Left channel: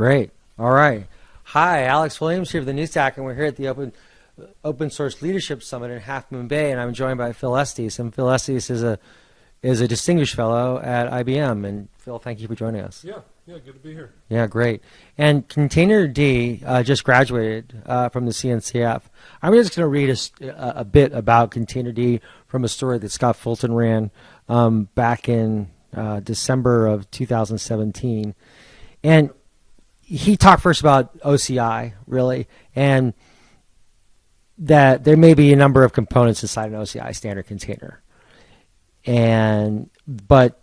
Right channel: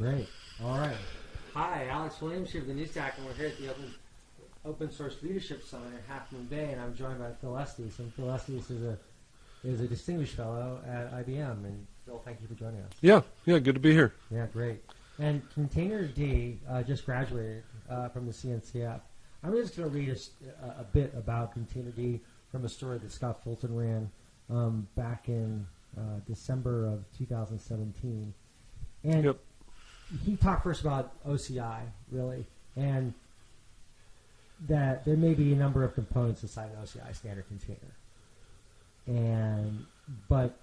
Great. All right. Hi, Alex Williams here of the News Stack, and we're here at the Open Source Leadership Summit in Half Moon Bay, and I'm joined by Phil Estes. And Phil Estes is a distinguished fellow at IBM. And Phil, thank you for joining us. Yeah, good to be here. Yeah, great. And Containerd just graduated from the CNCF. I'm just going to read a bit about Containerd from a story that Scott Fulton ran back in December of 2017. And Yep. he talked first about OCI, really, and that there may be a number of components inside an OCI standard container. But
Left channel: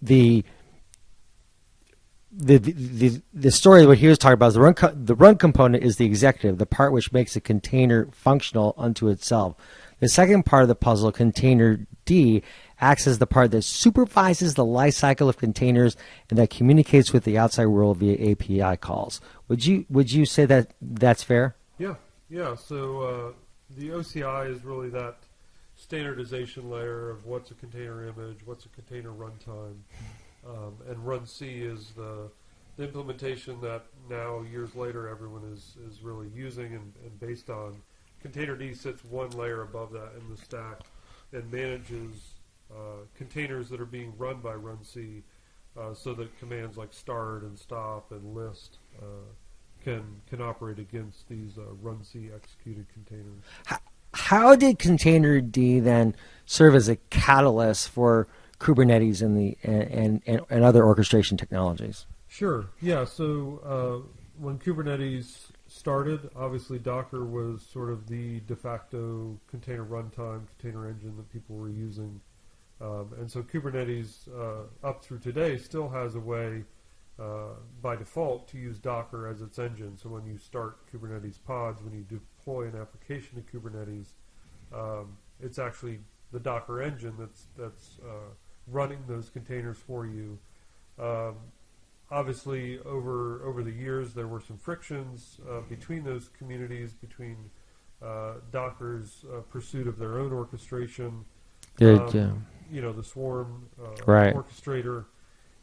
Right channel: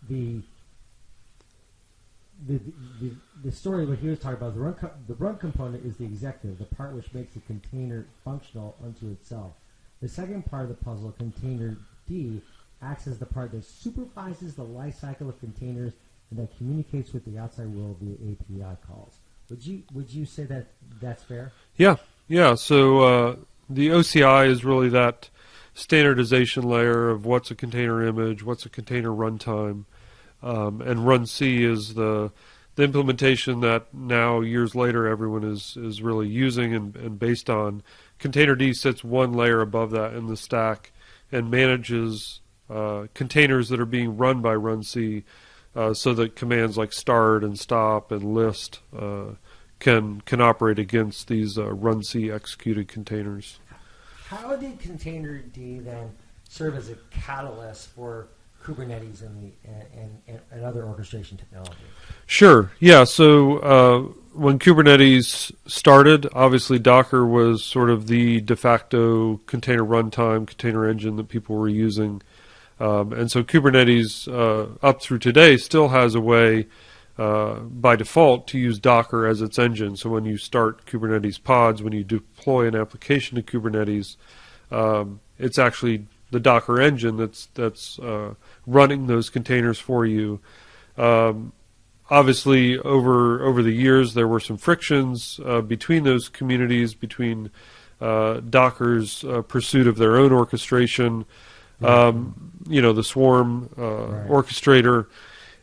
the story, what he was talking about is the run component is the executive, the part which makes a container functional unto itself. The second part of the puzzle, Containerd, acts as the part that supervises the life cycle of containers and that communicates with the outside world via API calls. Would you say that that's fair? Yeah. So the OCI is really that standardization layer of what's a container image, what's a container runtime, and Run C is the implementation that now years later everyone is really using and based on. Containerd sits one layer above that in the stack and manages containers that are being run by Run C, so that commands like start and stop and list can operate against these Run C executed containers. How did Containerd then serve as a catalyst for Kubernetes and other orchestration technologies? Sure. Yeah. So when Kubernetes started, obviously Docker was sort of the de facto container runtime, container engine that people were using. And so Kubernetes, up through today, still has a way by default to use Docker as its engine. So when you start Kubernetes pods, when you deploy an application to Kubernetes, it's actually the Docker engine that's running those containers for you. Obviously, over the years, there were some frictions between those communities, between Docker's pursuit of their own orchestration, the Swarm Right. orchestrator.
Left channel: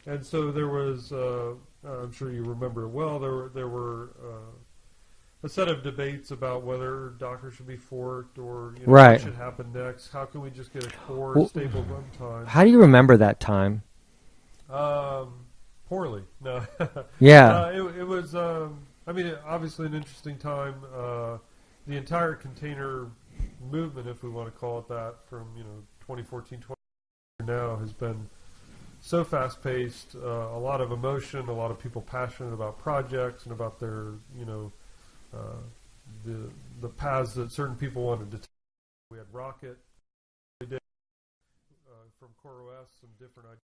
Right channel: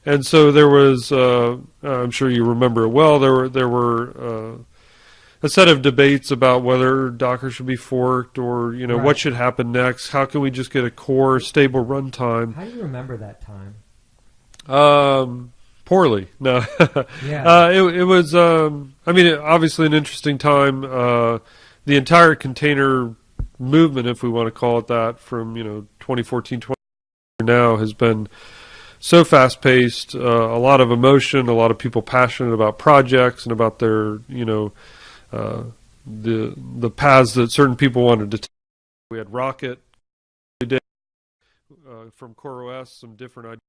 And so there was, I'm sure you remember it well, there were a set of debates about whether Docker should be forked or, Right. what should happen next. How can we just get a core stable runtime? How do you remember that time? Poorly. No. Yeah. It was, obviously an interesting time. The entire container movement, if we want to call it that, from, 2014, now has been so fast-paced, a lot of emotion, a lot of people passionate about projects and about their, the paths that certain people wanted to take. We had Rocket, from CoreOS, some different ideas.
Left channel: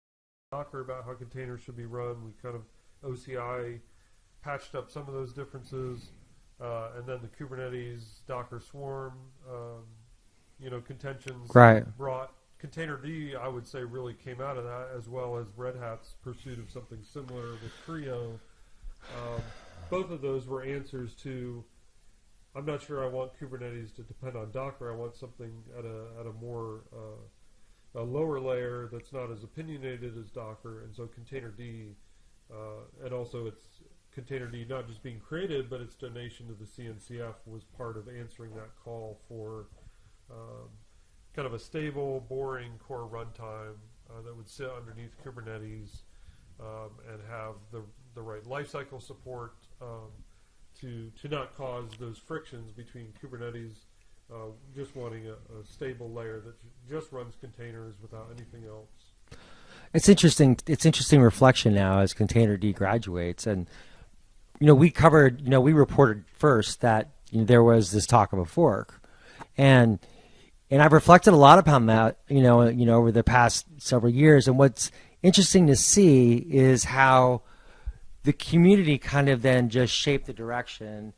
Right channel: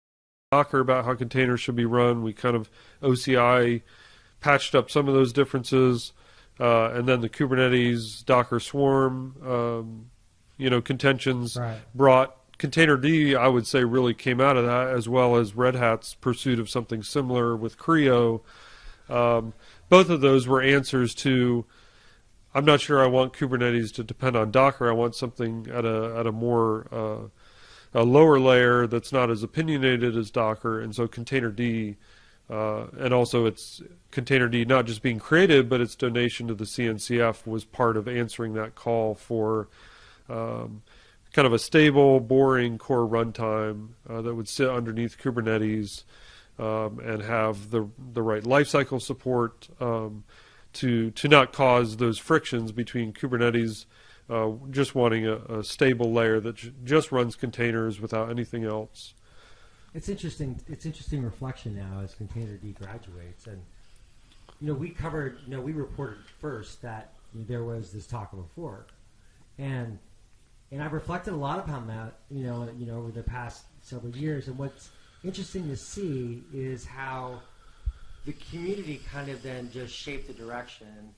Docker about how containers should be run. We kind of OCI patched up some of those differences, and then the Kubernetes Docker Swarm, contentions brought Containerd, I would say, really came out of that, as well as Red Hat's pursuit of something similar with Creo. Both of those were answers to, I'm not sure I want Kubernetes to depend on Docker. I want something at a more a lower layer that's not as opinionated as Docker. And so Containerd, and also it's Containerd not just being created, but its donation to the CNCF was part of answering that call for kind of a stable, boring core runtime that would sit underneath Kubernetes and have the right lifecycle support to not cause those frictions between Kubernetes just wanting a stable layer that just runs containers without anything else. It's interesting. It's interesting reflection now as Containerd graduates, and we covered. We reported first that there was this talk of a fork, and I've reflected a lot upon that. Over the past several years, and what's interesting to see is how the community kind of then just shaped the direction,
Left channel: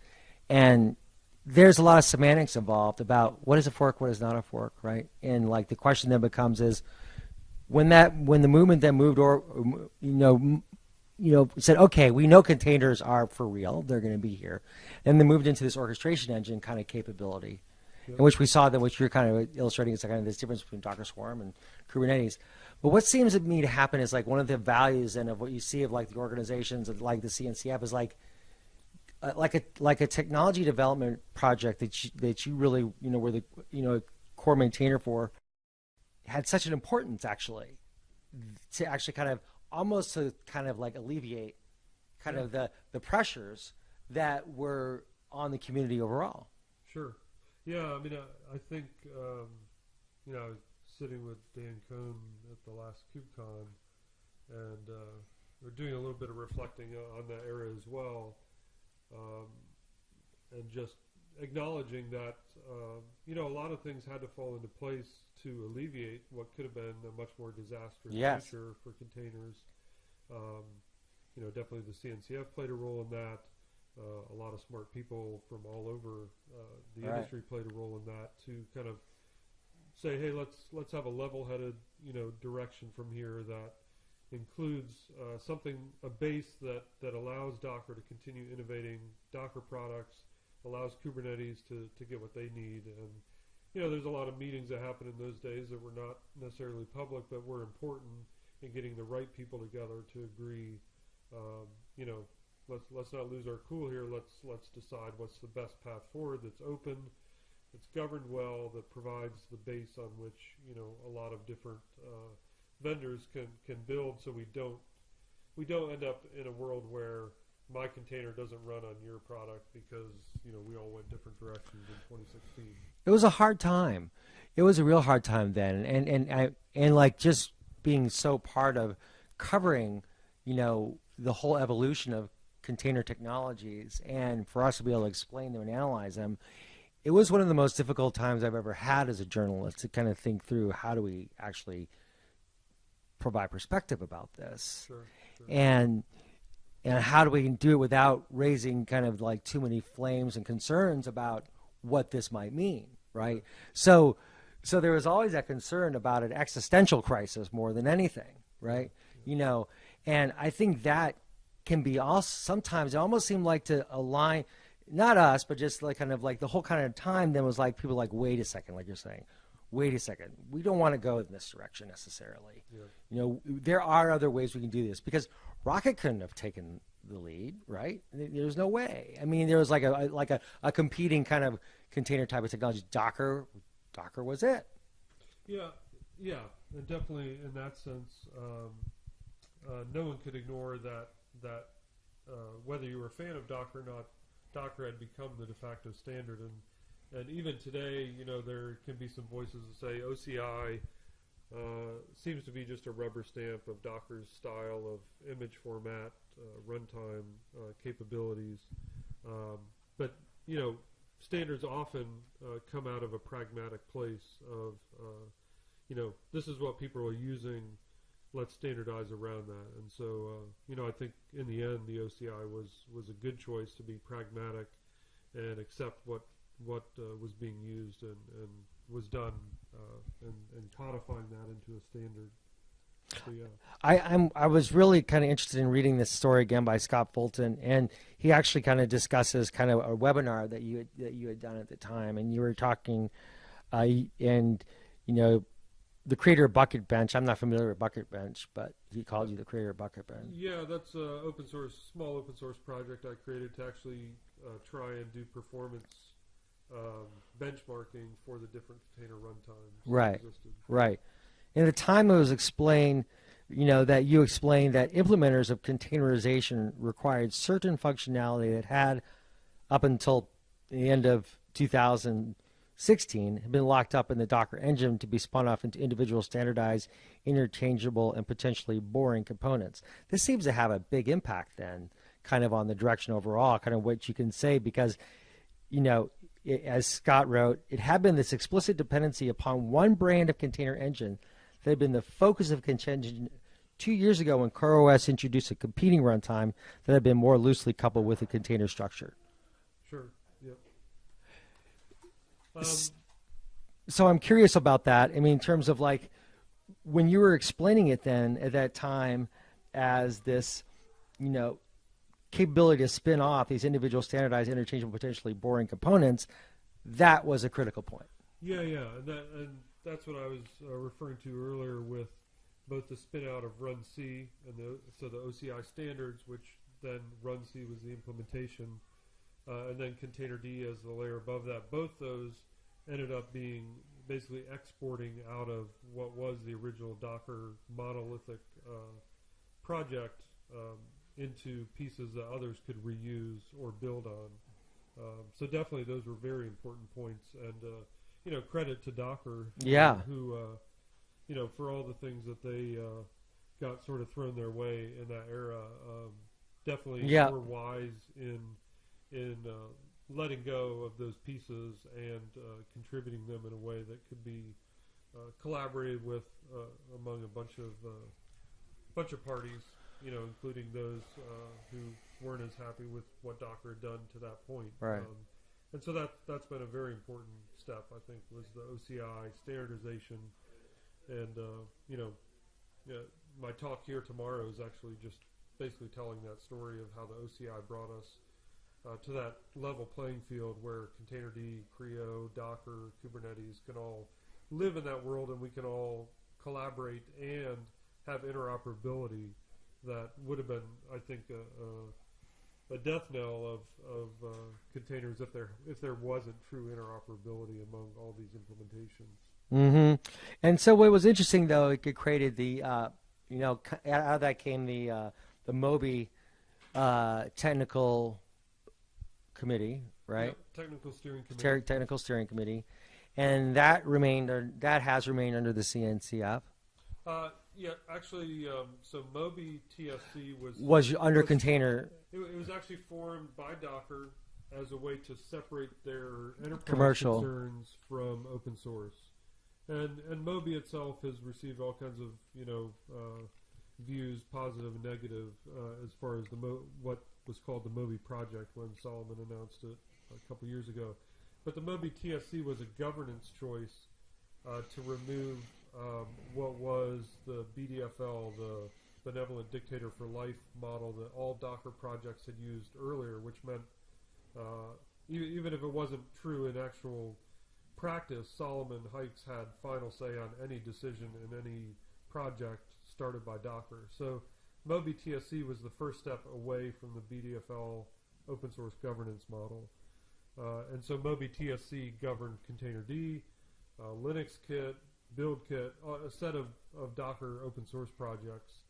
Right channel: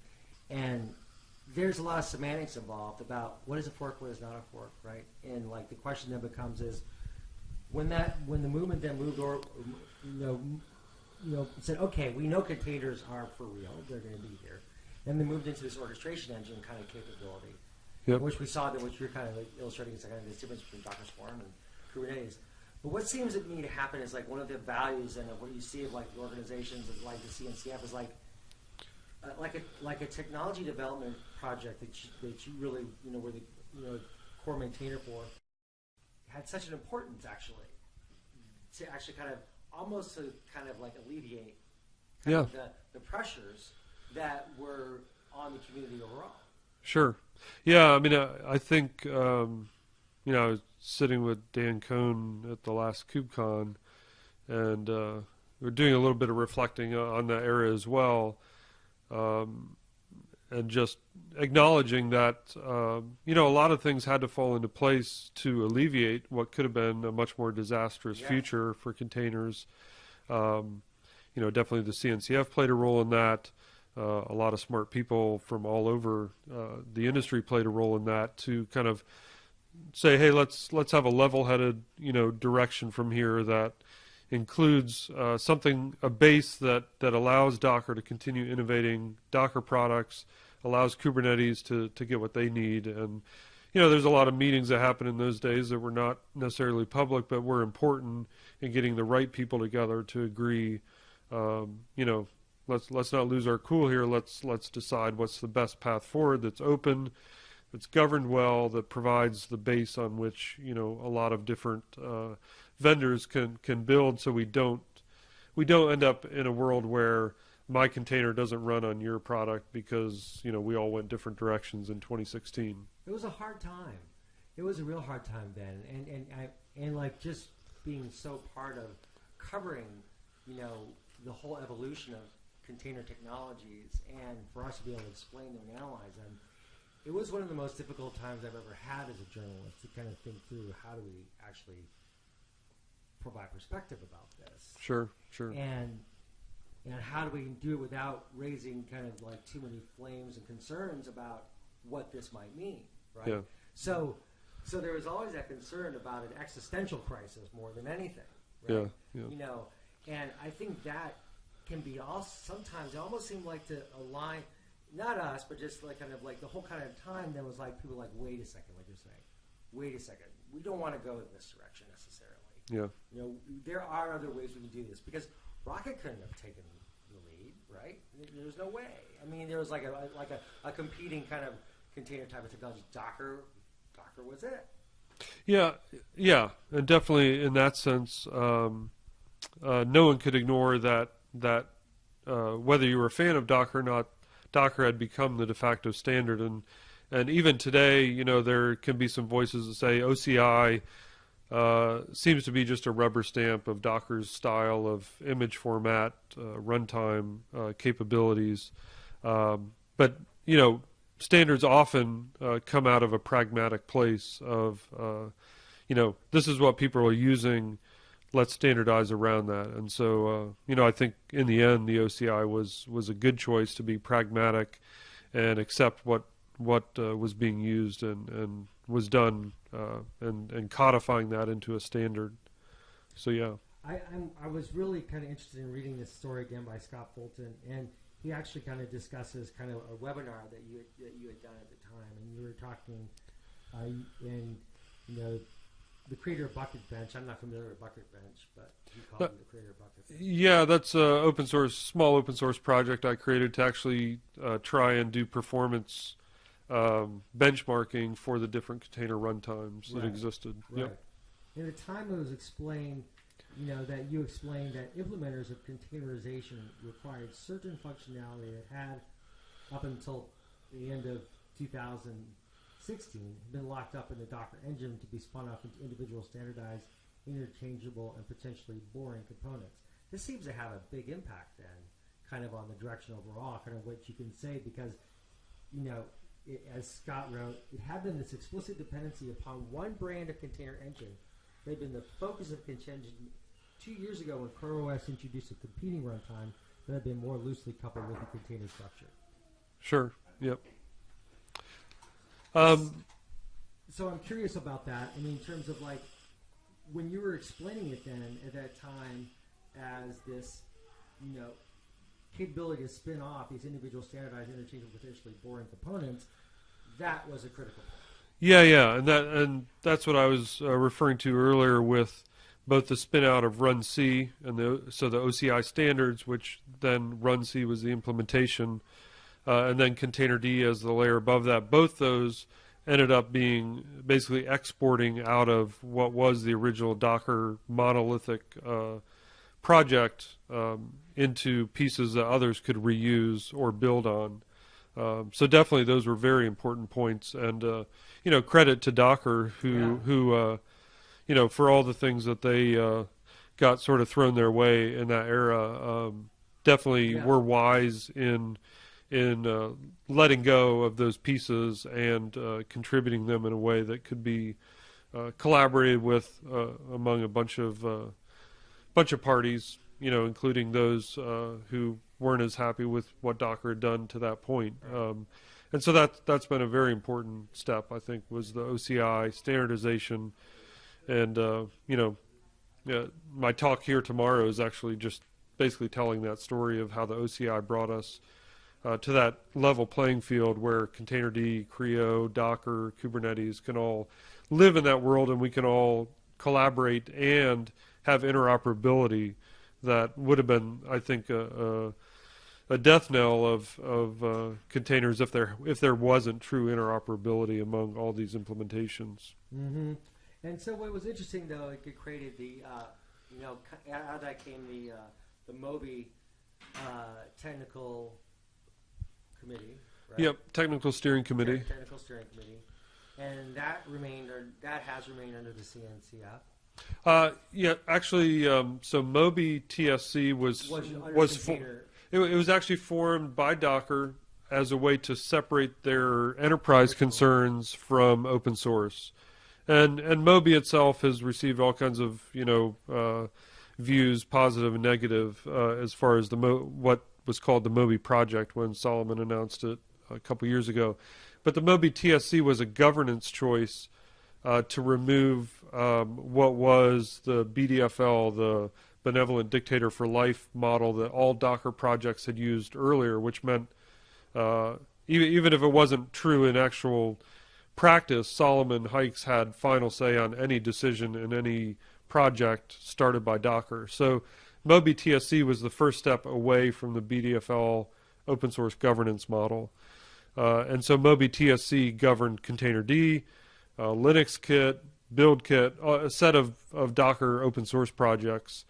and there's a lot of semantics involved about what is a fork, what is not a fork, right? And like the question then becomes is when the movement then moved or said, okay, we know containers are for real, they're going to be here, and they moved into this orchestration engine kind of capability, Yep. in which we saw then, which you're kind of illustrating, is kind of this difference between Docker Swarm and Kubernetes. But what seems to me to happen is like one of the values and of what you see of like the organizations of like the CNCF is like a technology development project that you really were the core maintainer for had such an importance actually to actually kind of almost to kind of like alleviate kind of the pressures that were on the community overall. Sure. Yeah, I mean, I think, I was sitting with Dan Cohn at the last KubeCon, and we're doing a little bit of reflecting on that area as well, and just acknowledging that, a lot of things had to fall into place to alleviate what could have been a much more disastrous future for containers. Definitely the CNCF played a role in that. A lot of smart people from all over the industry played a role in that to kind of say, hey, let's have a level-headed, direction from here that includes a base that allows Docker to continue innovating Docker products, allows Kubernetes to get what they need. And, there's a lot of meetings that happen in those days that were not necessarily public, but were important in getting the right people together to agree, let's not lose our cool here. Let's decide what's the best path forward that's open, that's governed well, that provides the base on which a lot of different vendors can build, so we don't end up in a world where my container doesn't run on your product because we all went different directions in 2016. It was a hard time. It was a real hard time then, and like just being so part of covering the whole evolution of container technologies, and for us to be able to explain them and analyze them, it was one of the most difficult times I've ever had as a journalist to kind of think through how do we actually provide perspective about this. Sure. And how do we do it without raising kind of like too many flames and concerns about what this might mean, right? Yeah. So there was always that concern about an existential crisis more than anything, right? Yeah. And I think that can be also sometimes it almost seemed like to align, not us, but just like kind of like the whole kind of time then was like people like, wait a second, like you're saying, wait a second, we don't want to go in this direction necessarily. Yeah. There are other ways we can do this because Rocket couldn't have taken the lead, right? There's no way. I mean, there was like a competing kind of container type of technology. Docker was it. Yeah, and definitely in that sense, no one could ignore that whether you were a fan of Docker or not, Docker had become the de facto standard, and even today, there can be some voices that say OCI seems to be just a rubber stamp of Docker's style of image format, runtime capabilities, but standards often come out of a pragmatic place of this is what people are using. Let's standardize around that. And so, I think in the end, the OCI was a good choice to be pragmatic and accept what was being used and was done and codifying that into a standard. So, yeah. I was really kind of interested in reading this story again by Scott Fulton, and he actually kind of discusses kind of a webinar that you had done at the time, and you were talking, the creator of Bucket Bench. I'm not familiar with Bucket Bench, but he called you the creator of Bucket Bench. Yeah, that's a small open source project I created to actually try and do performance benchmarking for the different container runtimes that existed. Right. In the time it was explained, that you explained that implementers of containerization required certain functionality that had, up until the end of 2016, had been locked up in the Docker engine to be spun off into individual standardized, interchangeable, and potentially boring components. This seems to have a big impact then, kind of on the direction overall, kind of what you can say, because, as Scott wrote, it had been this explicit dependency upon one brand of container engine that had been the focus of contention 2 years ago when CoreOS introduced a competing runtime that had been more loosely coupled with a container structure. Sure, yep. So I'm curious about that. I mean, in terms of like, when you were explaining it then at that time as this, capability to spin off these individual standardized, interchangeable, potentially boring components, that was a critical point. Yeah, and that's what I was referring to earlier with both the spin out of Run C and the OCI standards, which then Run C was the implementation, and then Containerd as the layer above that. Both those ended up being basically exporting out of what was the original Docker monolithic project into pieces that others could reuse or build on. So definitely those were very important points, and credit to Docker who for all the things that they got sort of thrown their way in that era, definitely were wise in letting go of those pieces and contributing them in a way that could be collaborated with among a bunch of parties, including those who weren't as happy with what Docker had done to that point. Right. And so that's been a very important step, I think, was the OCI standardization. And my talk here tomorrow is actually just basically telling that story of how the OCI brought us to that level playing field where Containerd, Creo, Docker, Kubernetes can all live in that world, and we can all collaborate and have interoperability that would have been, I think, a death knell of containers if there wasn't true interoperability among all these implementations. Mm-hmm. And so what was interesting, though, it created the, out of that came the Moby technical committee, right? Yep, technical steering committee. Technical steering committee, and that has remained under the CNCF. Actually, so Moby TSC was under container. It was actually formed by Docker as a way to separate their enterprise concerns from open source, and Moby itself has received all kinds of views, positive and negative, as far as what was called the Moby project when Solomon announced it a couple years ago. But the Moby TSC was a governance choice to remove what was the BDFL, the Benevolent Dictator for Life model that all Docker projects had used earlier, which meant even if it wasn't true in actual practice, Solomon Hykes had final say on any decision in any project started by Docker. So Moby TSC was the first step away from the BDFL open source governance model. And so Moby TSC governed Containerd, Linux Kit, Build Kit, a set of Docker open source projects.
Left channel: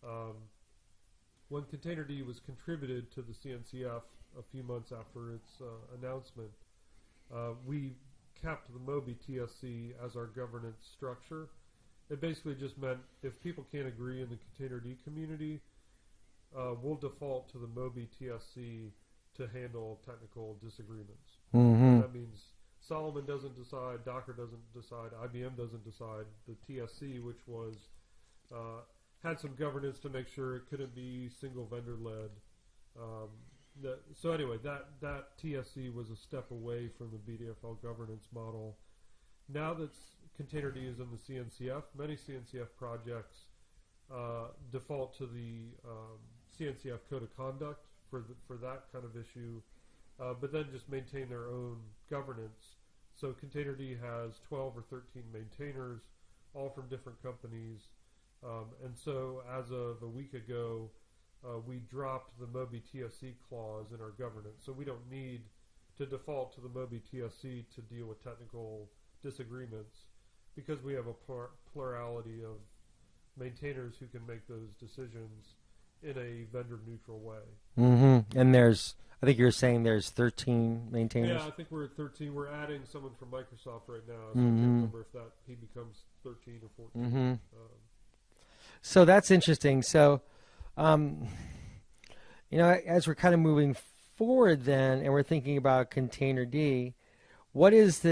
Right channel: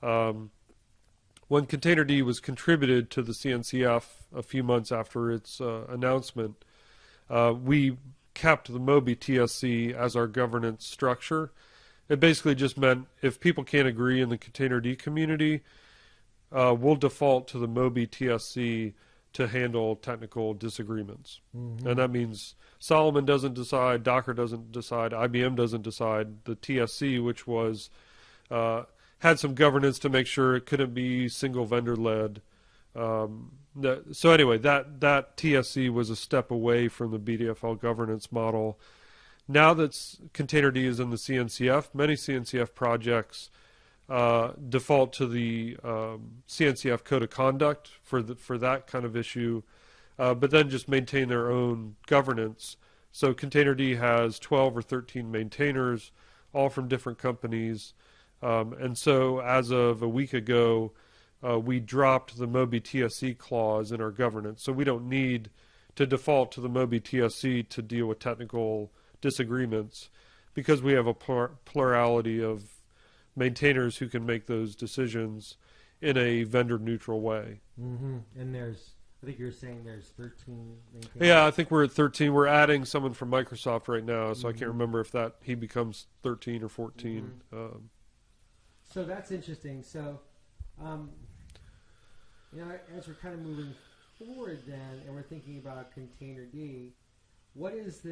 When Containerd was contributed to the CNCF a few months after its announcement, we kept the Moby TSC as our governance structure. It basically just meant if people can't agree in the Containerd community, we'll default to the Moby TSC to handle technical disagreements. Mm-hmm. And that means Solomon doesn't decide, Docker doesn't decide, IBM doesn't decide. The TSC, which was had some governance to make sure it couldn't be single vendor led. So anyway, that TSC was a step away from the BDFL governance model. Now that Containerd is in the CNCF, many CNCF projects default to the CNCF code of conduct for that kind of issue, but then just maintain their own governance. So Containerd has 12 or 13 maintainers, all from different companies. And so as of a week ago, we dropped the Moby TSC clause in our governance. So we don't need to default to the Moby TSC to deal with technical disagreements because we have a plurality of maintainers who can make those decisions in a vendor neutral way. Mm-hmm. And I think you're saying there's 13 maintainers. Yeah, I think we're at 13. We're adding someone from Microsoft right now, so I can't remember if he becomes 13 or 14. Mm-hmm. So that's interesting. So, as we're kind of moving forward then, and we're thinking about Containerd, what's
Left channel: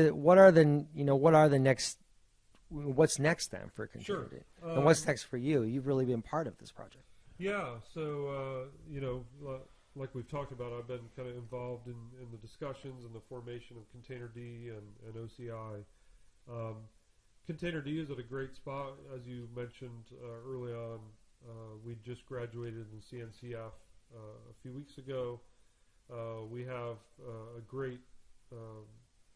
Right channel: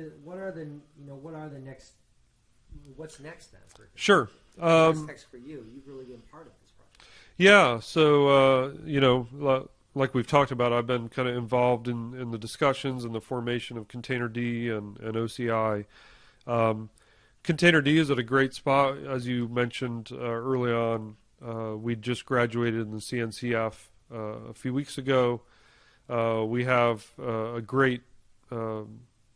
next then for Containerd? Sure. What's next for you? You've really been part of this project. Yeah. So, like we've talked about, I've been kind of involved in the discussions and the formation of Containerd and OCI. Containerd is at a great spot, as you mentioned early on. We just graduated in the CNCF a few weeks ago. We have a great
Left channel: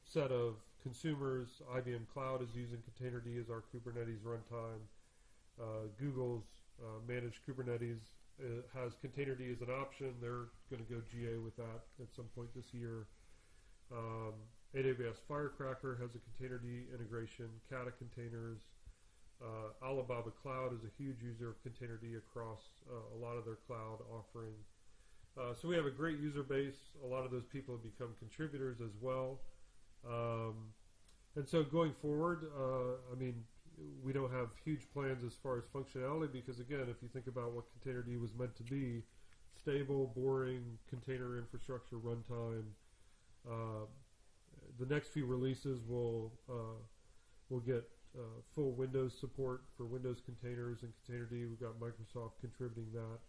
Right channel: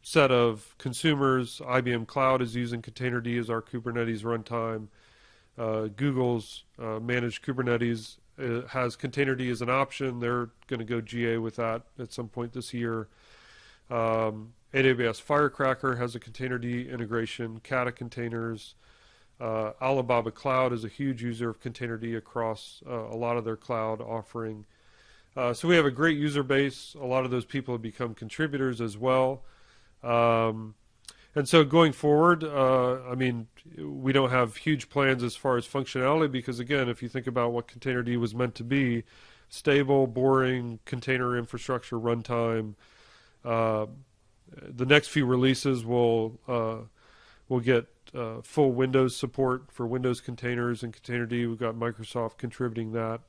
set of consumers. IBM Cloud is using Containerd as our Kubernetes runtime. Google's managed Kubernetes has Containerd as an option. They're going to go GA with that at some point this year. AWS Firecracker has a Containerd integration, Kata containers. Alibaba Cloud is a huge user of Containerd across a lot of their cloud offering. So we have a great user base. A lot of those people have become contributors as well. And so going forward, I mean, we don't have huge plans as far as functionality because, again, if you think about what Containerd was meant to be, stable, boring, container infrastructure runtime, the next few releases will get full Windows support for Windows containers and Containerd. We've got Microsoft contributing that.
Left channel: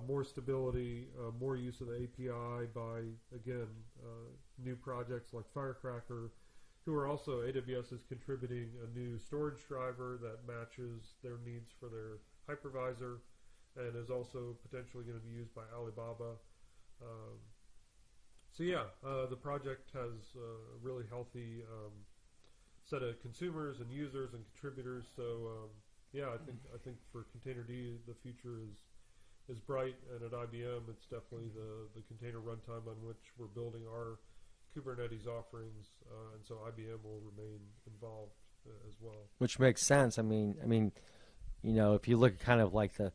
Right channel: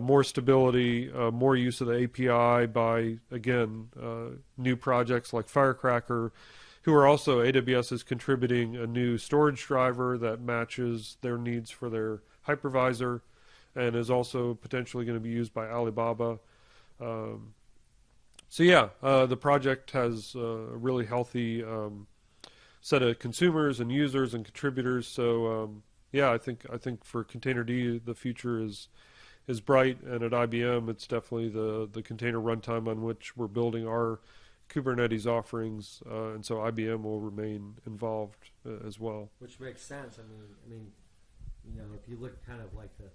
More stability, more use of the API by, again, new projects like Firecracker, who are also, AWS is contributing a new storage driver that matches their needs for their hypervisor and is also potentially going to be used by Alibaba. So yeah, the project has a really healthy set of consumers and users and contributors. So yeah, I think for Containerd the future is bright, and at IBM it's definitely the container runtime on which we're building our Kubernetes offerings, and so IBM will remain involved as well. Which makes sense. I mean, you know, if you look at kind of like the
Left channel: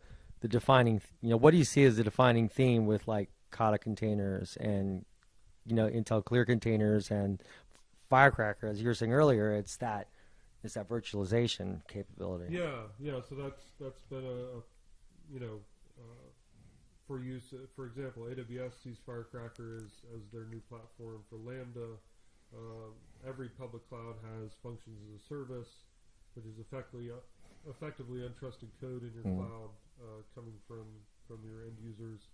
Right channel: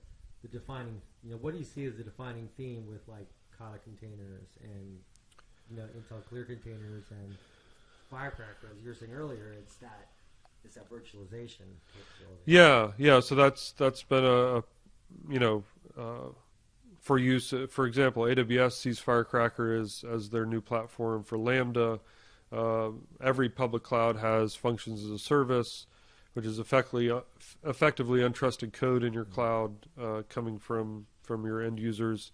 defining, you know, what do you see as the defining theme with like Kata containers and, you know, Intel Clear containers and Firecracker, as you were saying earlier, it's that virtualization capability. Yeah. So that's been a you know, for use. For example, AWS sees Firecracker as their new platform for Lambda. Every public cloud has functions as a service, which is effectively untrusted code in your cloud coming from your end users,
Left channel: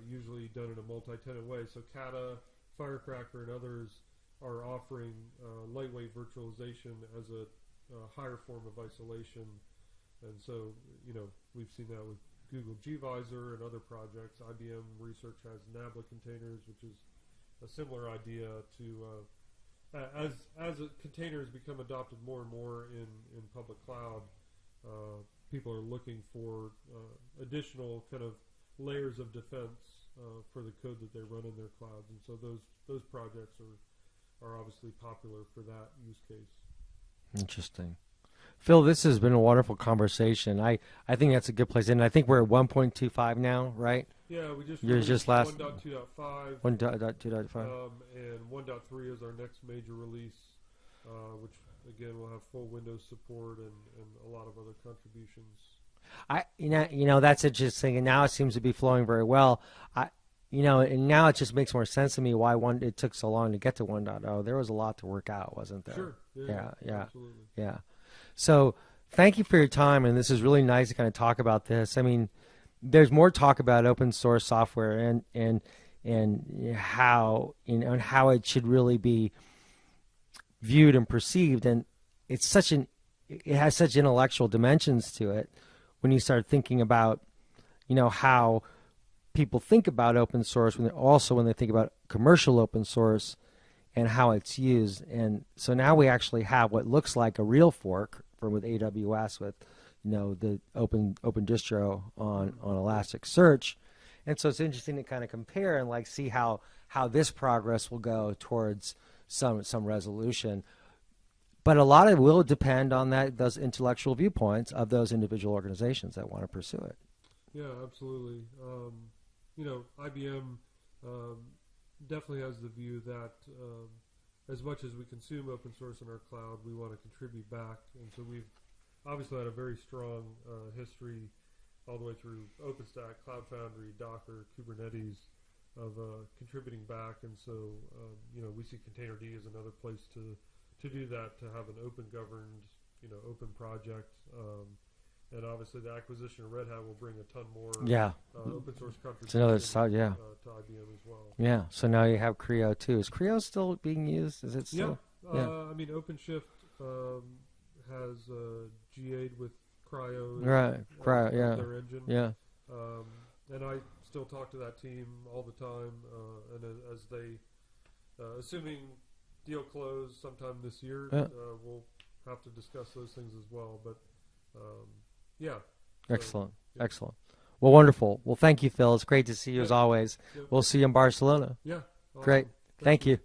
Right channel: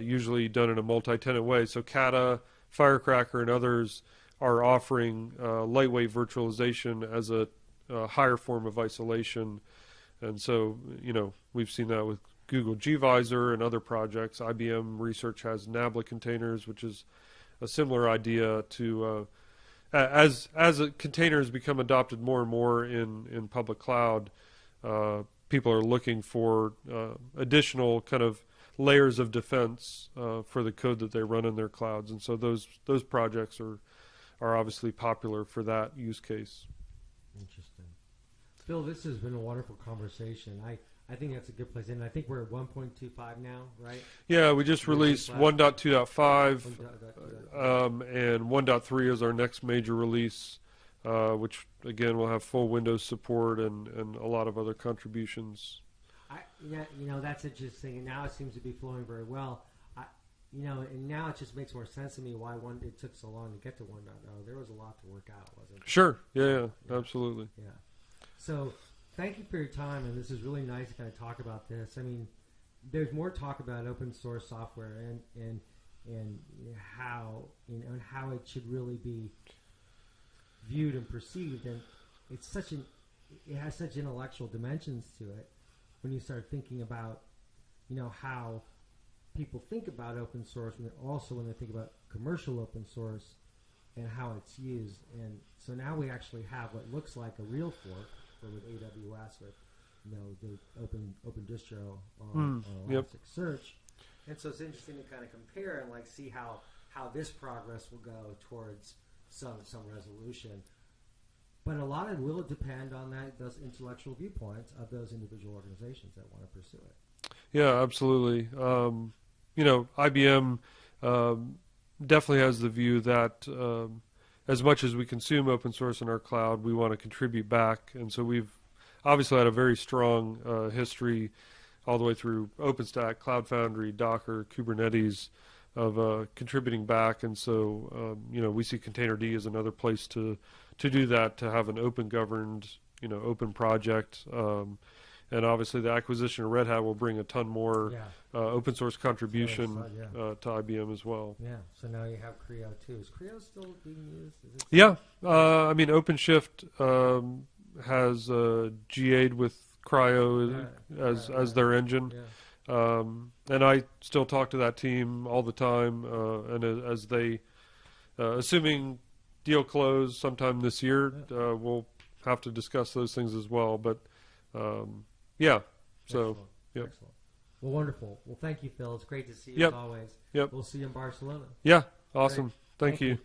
usually done in a multi-tenant way. So Kata, Firecracker, and others are offering lightweight virtualization as a higher form of isolation. And so, you know, we've seen that with Google gVisor and other projects. IBM Research has Nabla containers, which is a similar idea to as containers become adopted more and more in public cloud, people are looking for additional kind of layers of defense for the code that they run in their clouds, and so those projects are obviously popular for that use case. Interesting. Phil, this has been a wonderful conversation. I think that's a good place. And I think we're at 1.25 now, right? Yeah, we just released 1.2.5. 1.2.5. And 1.3 is our next major release, which, again, will have full Windows support and a lot of other contributions. You know, that's interesting. And now it seems to be flowing very well. You know, and now it just makes more sense to me why it took so long to get to 1.0. There was a lot to work out, wasn't there? Sure. Yeah, absolutely. Yeah. So thank you for your time, and this is really nice to kind of talk about this. I mean, there's more talk about open source software and how, you know, and how it should really be viewed and perceived, and it has such intellectual dimensions to it when you start thinking about, you know, how people think about open source when they think about commercial open source and how it's used. And so now we actually have what looks like a real fork with AWS, with, you know, the open distro on Elasticsearch. And so it's interesting to kind of compare and like see how this progress will go towards some resolution. But a lot of it will depend on those intellectual viewpoints of those individual organizations that want to pursue it. Yeah, absolutely. You know, IBM definitely has the view that as much as we consume open source in our cloud, we want to contribute back. And so we've obviously had a very strong history all the way through OpenStack, Cloud Foundry, Docker, Kubernetes of contributing back. And so, you know, we see Containerd as another place to do that, to have an open governed, you know, open project. And obviously the acquisition of Red Hat will bring a ton more open source contribution to IBM as well. Yeah, so now you have Creo too. Is Creo still being used? Is it still? I mean, OpenShift has GA'd with Cryo as their engine. Yeah. And I still talk to that team all the time, and as they, assuming deal close sometime this year, we'll have to discuss those things as well. But Yeah. So, Excellent. yeah. Excellent. Well, wonderful. Well, thank you, Phil. It's great to see you Yep. as always. Yep. We'll see you in Barcelona. Yeah. Great. Awesome. Thank you. Back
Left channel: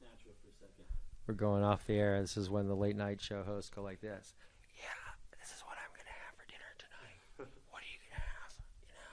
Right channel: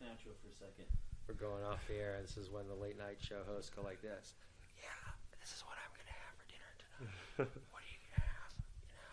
natural for a second. We're going off the air. This is when the late night show hosts go like this. Yeah, this is what I'm going to have for dinner tonight.